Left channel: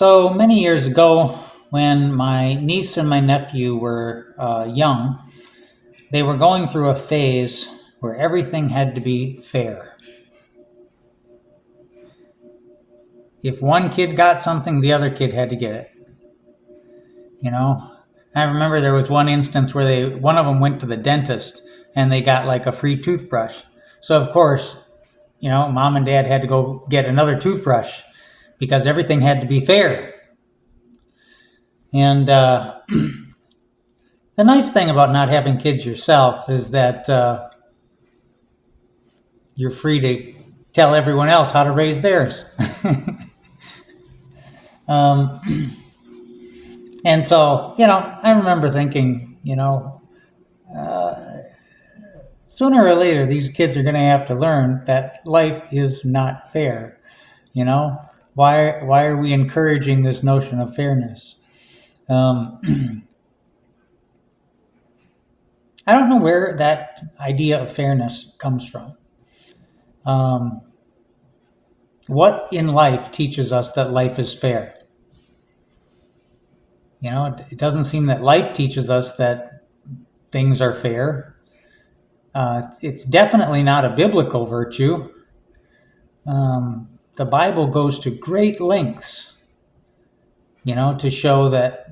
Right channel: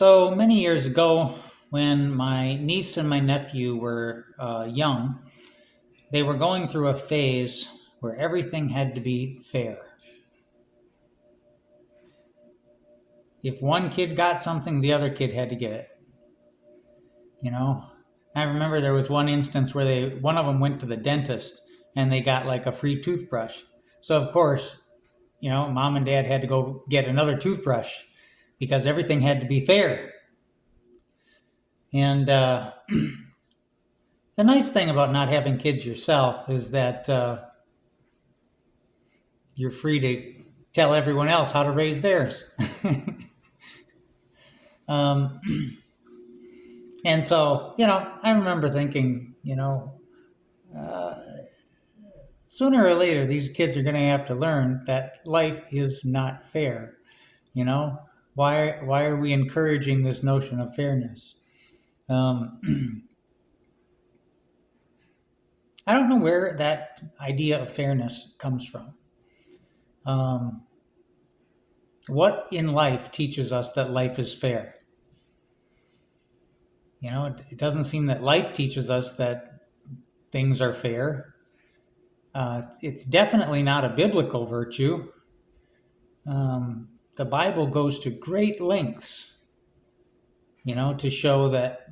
So many years ago, when my niece and my nephew were young, they were going through a phase where everything had to be fair. If one kid got something, the other kid had to get it. You know, I remember there was one instance where one of them went to the dentist and they got like a free toothbrush. So of course, mom and dad had to go get another toothbrush because everything had to be fair. And the nice thing about not having kids yourself is that you're free to tell everyone else how to raise theirs. And so, I remember thinking, sooner or later, these kids are going to have to learn that life is not fair. Why are we encouraging this notion of fairness? I don't know where that idea of fairness comes from. What in life teaches us that life is fair? It doesn't seem that life teaches us that things are fair. It's definitely not a biblical virtue. The Bible goes to great lengths, to show that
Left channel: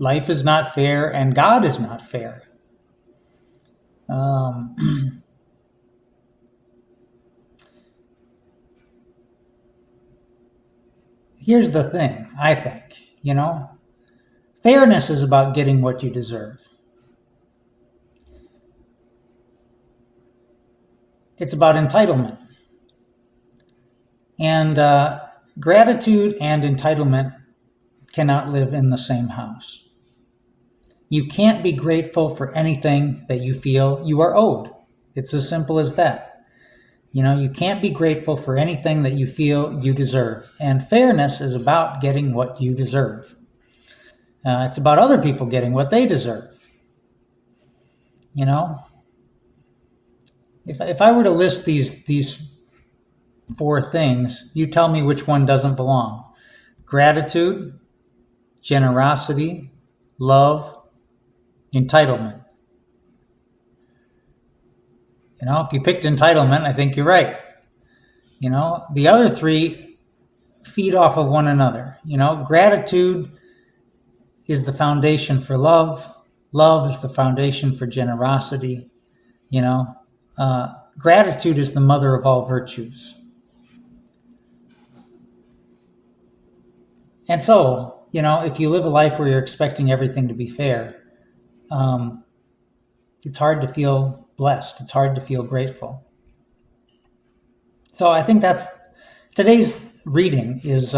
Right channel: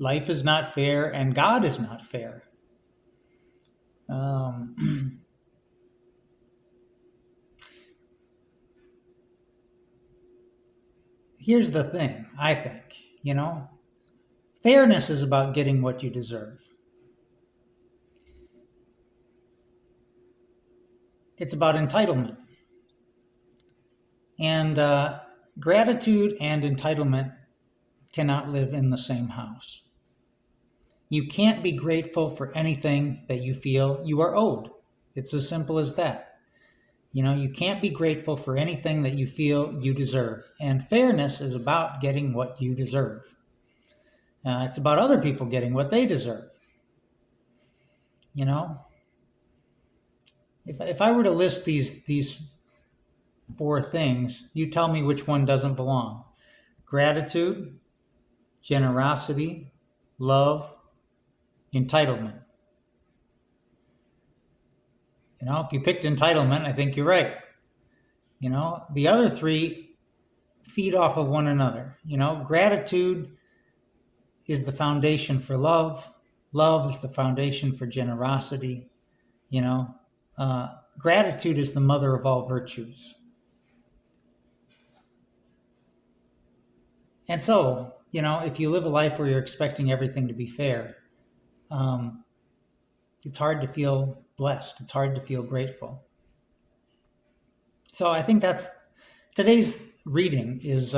life is not fair and God is not fair. Here's the thing, I think, fairness is about getting what you deserve. It's about entitlement. And gratitude and entitlement cannot live in the same house. You can't be grateful for anything that you feel you are owed. It's as simple as that. You can't be grateful for anything that you feel you deserve. And fairness is about getting what you deserve. It's about other people getting what they deserve. If I were to list these four things, you tell me which one doesn't belong. Gratitude, generosity, love, entitlement. If you picked entitlement, I think you're right. The other three feed off of one another. Gratitude is the foundation for love. Love is the foundation for generosity. Gratitude is the mother of all virtues. And so, if you live a life where you're expecting everything to be fair, it's hard to feel blessed. It's hard to feel grateful. So I think that's today's reading is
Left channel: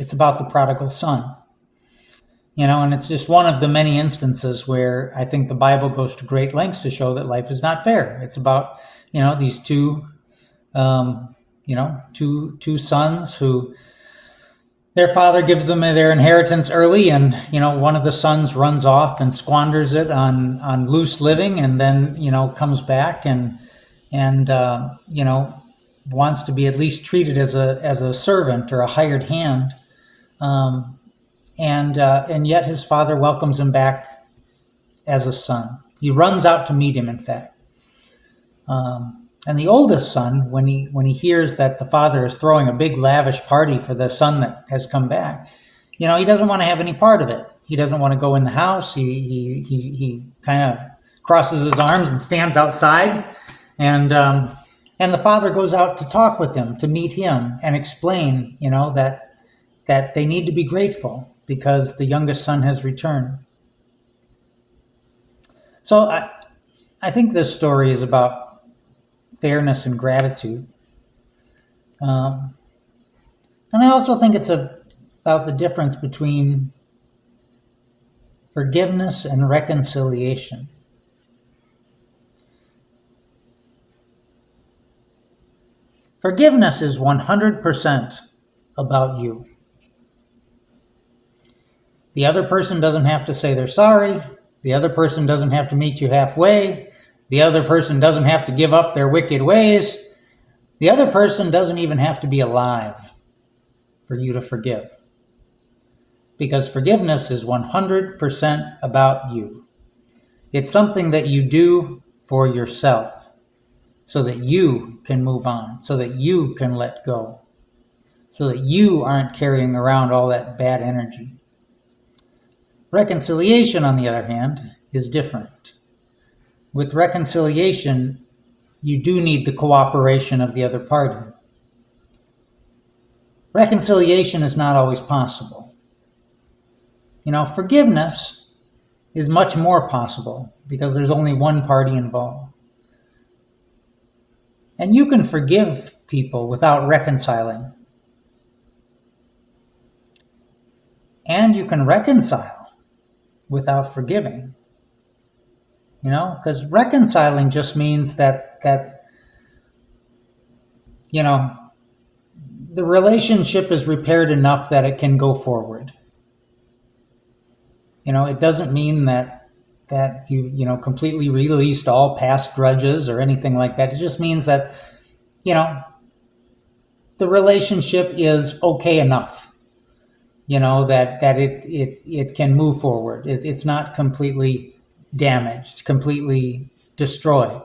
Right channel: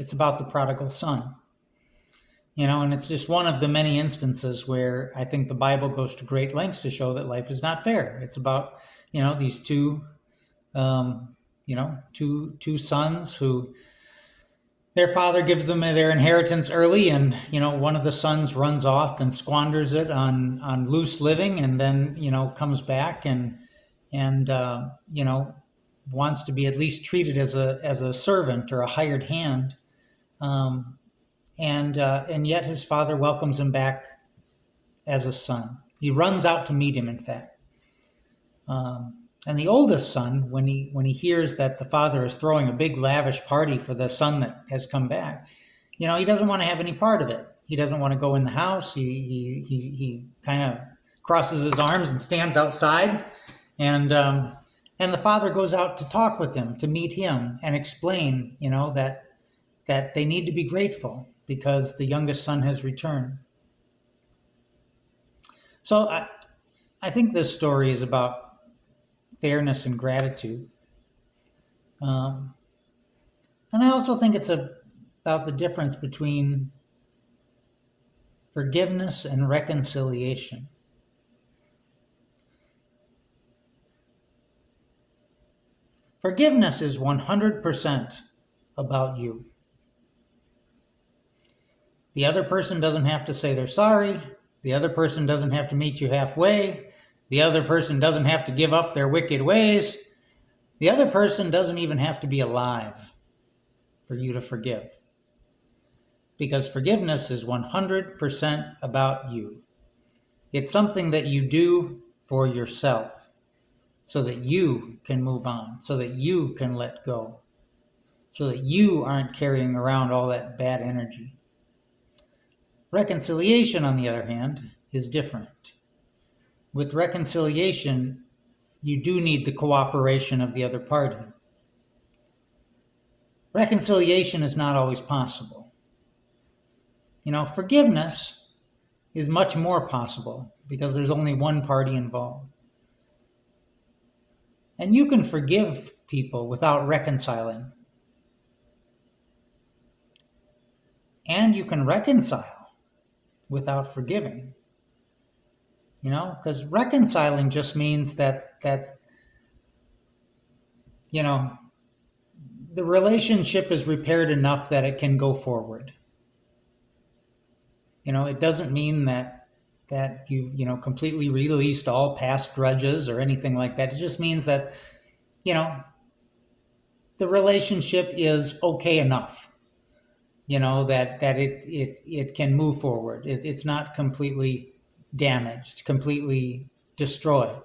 it's about the prodigal son. And it's just one of the many instances where I think the Bible goes to great lengths to show that life is not fair. It's about, these two sons who their father gives them their inheritance early, and one of the sons runs off and squanders it on loose living, and then comes back and wants to be at least treated as a servant or a hired hand, and yet his father welcomes him back as a son. He runs out to meet him, in fact. And the oldest son, when he hears that the father is throwing a big lavish party for the son that has come back, he doesn't want to have any part of it. He doesn't want to go in the house. He kind of crosses his arms and stands outside, and the father goes out to talk with him, to meet him, and explain, that they need to be grateful because the youngest son has returned. So I think this story is about fairness and gratitude. And I also think it's about the difference between forgiveness and reconciliation. Forgiveness is 100% about you. The other person doesn't have to say they're sorry. The other person doesn't have to meet you halfway. The other person doesn't have to give up their wicked ways. The other person doesn't even have to be alive. for you to forgive. Because forgiveness is 100% about you. It's something that you do for yourself so that you can move on, so that you can let go, so that you aren't carrying around all that bad energy. Reconciliation, on the other hand, is different. With reconciliation, you do need the cooperation of the other party. Reconciliation is not always possible. Forgiveness is much more possible because there's only one party involved. And you can forgive people without reconciling. And you can reconcile without forgiving. Because reconciling just means that the relationship is repaired enough that it can go forward. It doesn't mean that you completely released all past grudges or anything like that. It just means that, the relationship is okay enough, that it can move forward. It's not completely damaged, completely destroyed.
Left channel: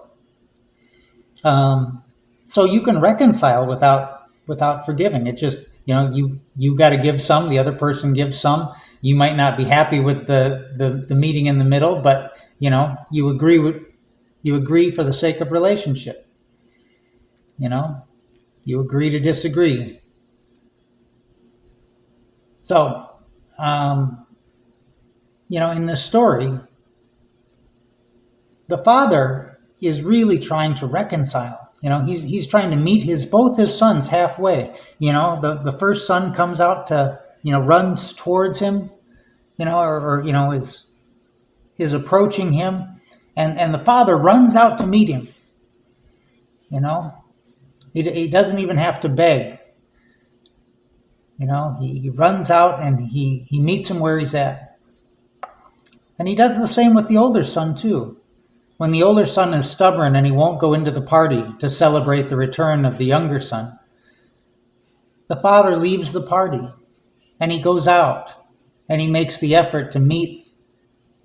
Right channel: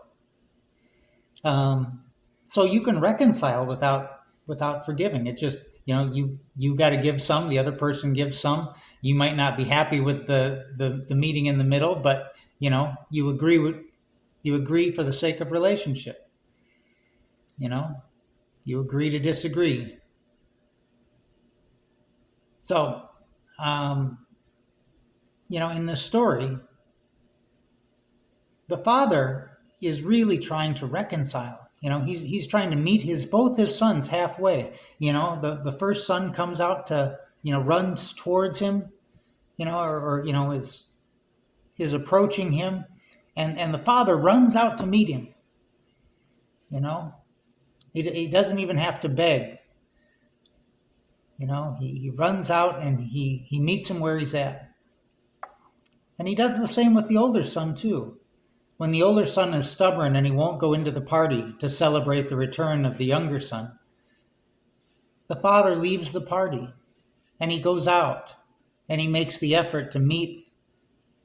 So you can reconcile without forgiving. It just, you got to give some, the other person gives some. You might not be happy with the meeting in the middle, but you agree for the sake of relationship. You agree to disagree. So, in this story, the father is really trying to reconcile. He's trying to meet both his sons halfway. The first son comes out to, runs towards him, or is approaching him, and the father runs out to meet him. He doesn't even have to beg. He runs out and he meets him where he's at. And he does the same with the older son too. When the older son is stubborn and he won't go into the party to celebrate the return of the younger son, the father leaves the party and he goes out and he makes the effort to meet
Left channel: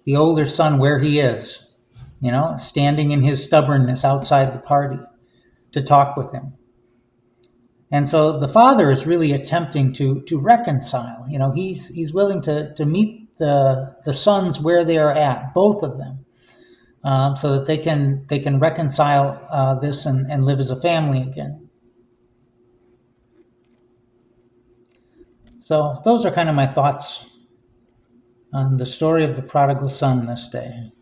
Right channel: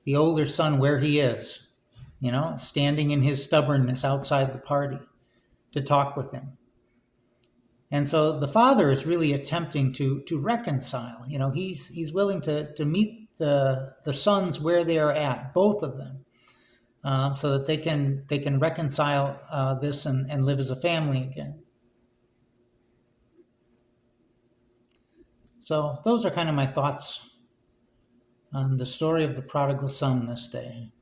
the older son where he is, standing in his stubbornness outside the party to talk with him. And so the father is really attempting to reconcile. He's willing to meet the sons where they are at, both of them, so that they can reconcile this and live as a family again. So those are kind of my thoughts on the story of the prodigal son this day.